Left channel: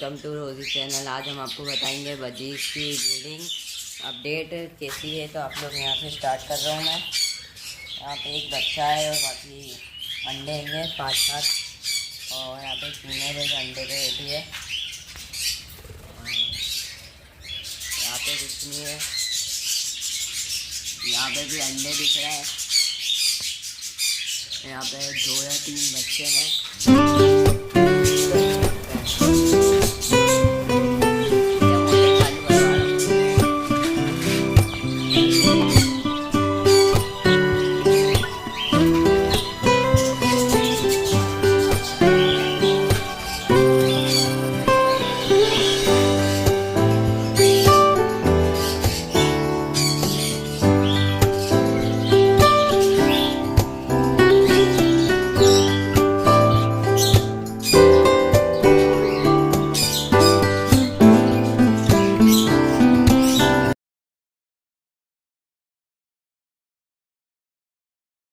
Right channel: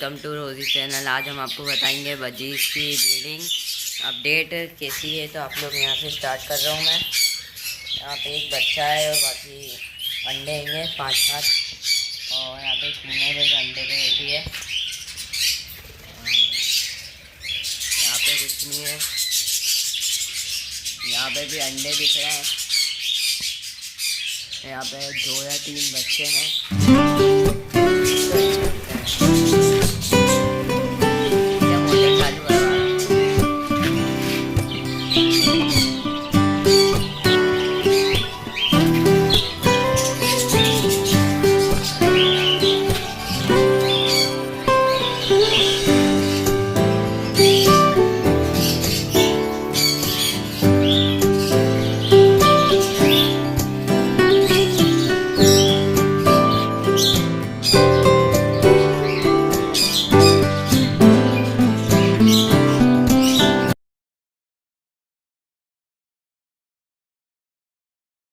Welcome to रोजी channel. आज हम आपको बताएंगे बजीज की ब्रीडिंग अपडेट कैसी है। तो आप लोग यहाँ से स्टार्ट कर रहा हूँ मैं। यहाँ पे एक बच्चा है और बाकी अंडे हैं 5-7 और यहाँ पे फीमेल है जो अंडे पे बैठी है। यहाँ पे कुछ नहीं है, यहाँ पे भी अंडे दिख रहे हैं। यहाँ पे 2 या 3 बच्चे हैं।